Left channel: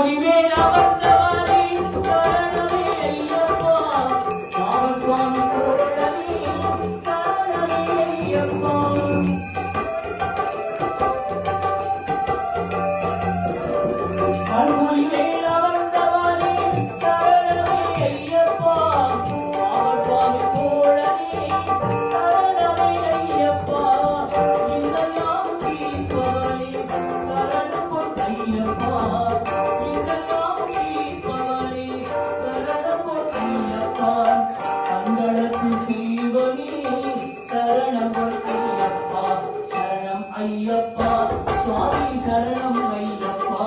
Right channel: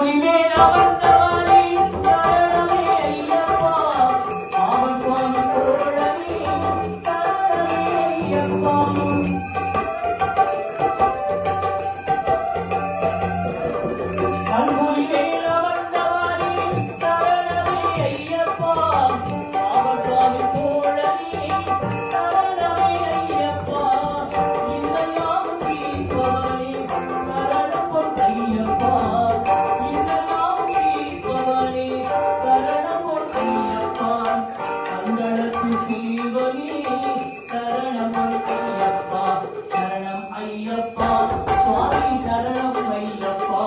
Thank you. அம்பொலி சரணம் ஐயப்பா சரணம் ஐயப்பா. சுவாமி சரணம் ஐயப்பா.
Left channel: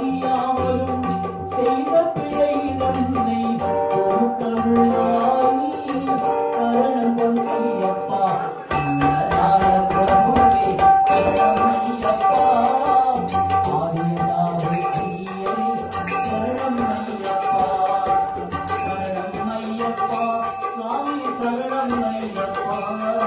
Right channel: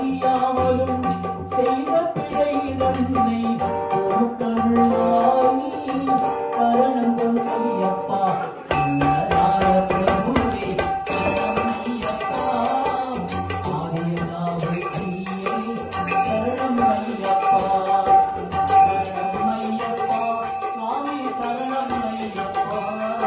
Maria.